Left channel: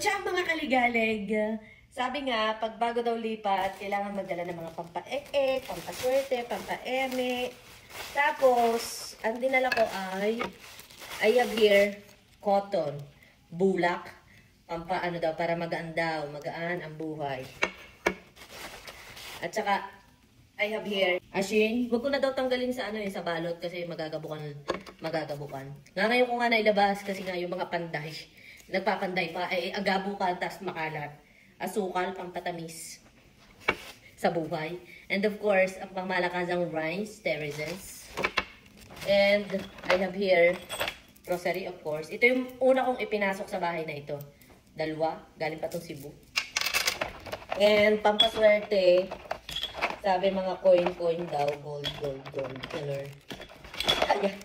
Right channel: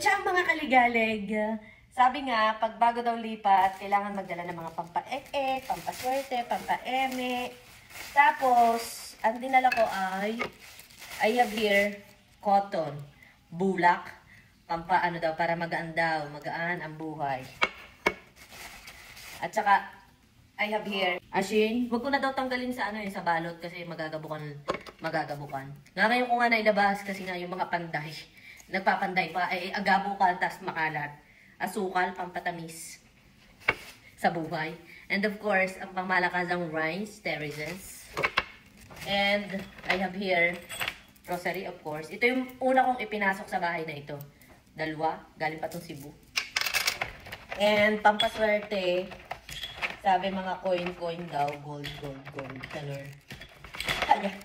Tiyang mga kaligalig, sabi nga, pag bago daw lipat, kailangan magdala ng mga pampaek-ek, pampaswerte, pampaeme. Tapos, ang dinala ko ay, I have here, cotton, bulak, pampaano daw, para magaan daw, magaan ang buhay. At saka, I have here, asin. Huwag ko na daw tanggalin sa ano yun, sa balot kasi magagabukan. Nga ngayon ko nga nailabas kasi nga yung mga panday, nagpapanday pa, ay agabukan, tas makalat. Asukal, pampatamis sa buhay. And of course, ang pangmalakasang rice, terraces. And I have here, rosary of course. Ito yung una kong ipinasok sa bahay na ito. Dalawa, galing pa itong Cebu. And pampaswerte, sabi mga coin daw, gold, color. Ayan.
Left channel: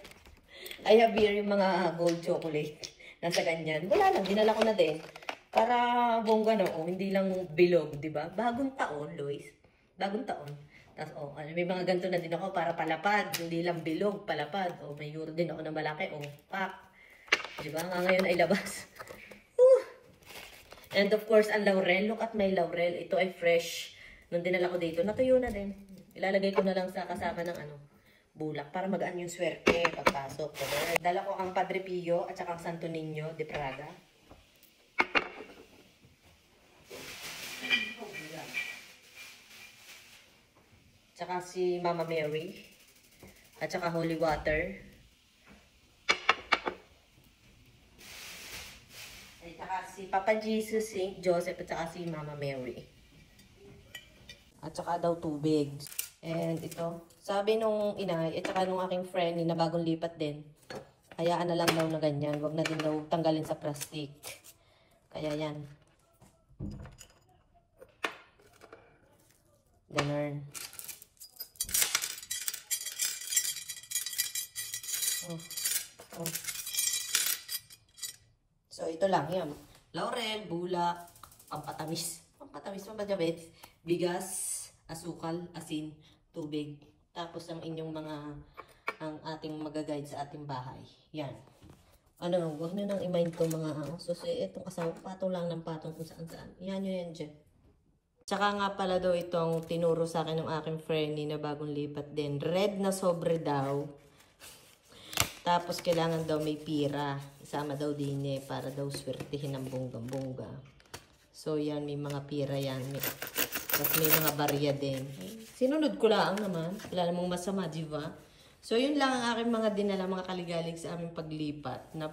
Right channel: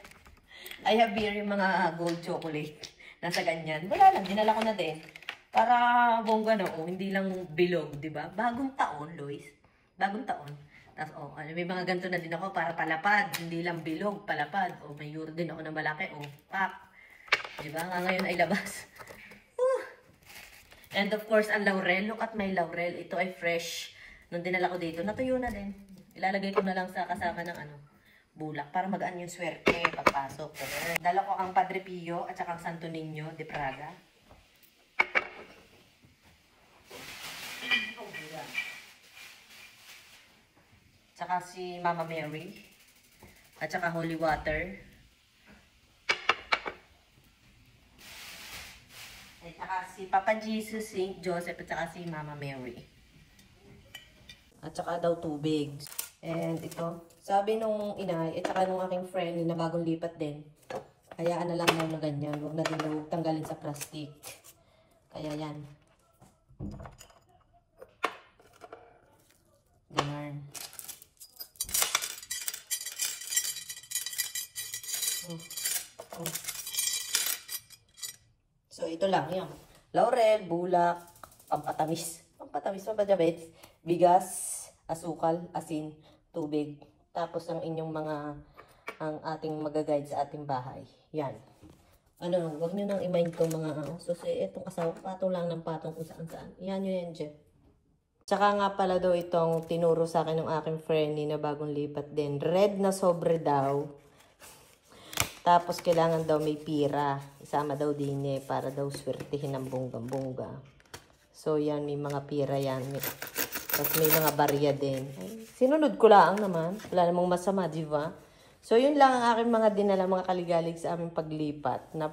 I have here yung mga gold chocolate. Nasa ganyan. Wala lang, dinala ko na din. Para bongga na, hindi lang bilog, di ba? Bagong taon, Lois. Bagong taon. Tapos, may mga ganito na din ako para palapad. Hindi lang bilog, palapad. May euro din ako na malaki. Pak. Di ba? Nga ngayon ay labas. And of course, ang laurel. Look at my laurel. Ito ay fresh. Nung dinala ko dito, natuyo na din. Ilalagay ko na lang sa kasama ng bulak para magaan yung swerte pagpasok. Dala ko ang Padre Pio at saka ang Santo Niño de Praga. Tsaka si Mama Mary. At saka holy water. At saka si Papa Jesus, Saint Joseph, at saka si Mama Mary. At saka daw tubig. And ito, sabi nung inay, at saka nung aking friend na bagong lipat din, hayaan na lang daw na ganyan. Huwag na din daw tanggalin sa plastic. Kaya yan. Ganun. So, ito lang yan. Laurel, bulak, pampatamis. Pampatamis, bigas, asukal, asin, tubig. Tapos ang inyong ang ating magaguide sa ating bahay. Yan. Huwag nyo nang i-mind ko mga So, itong asawa, patong lang ng patong kung saan-saan. Yan nyo yan dyan. Tsaka nga pala daw itong tinuro sa akin ng aking friend na bagong lipat din. Red na sobre daw. Tapos kailangan daw may pira. Isama daw din para daw swertihin ng bonggang-bongga. So yan, may mga pira yan. Tapos may mga barya din. Sinunod ko lang naman. Wala namang masama, di ba? So yun lang ang aking mga dinala mga kaligalig sa aming paglipat na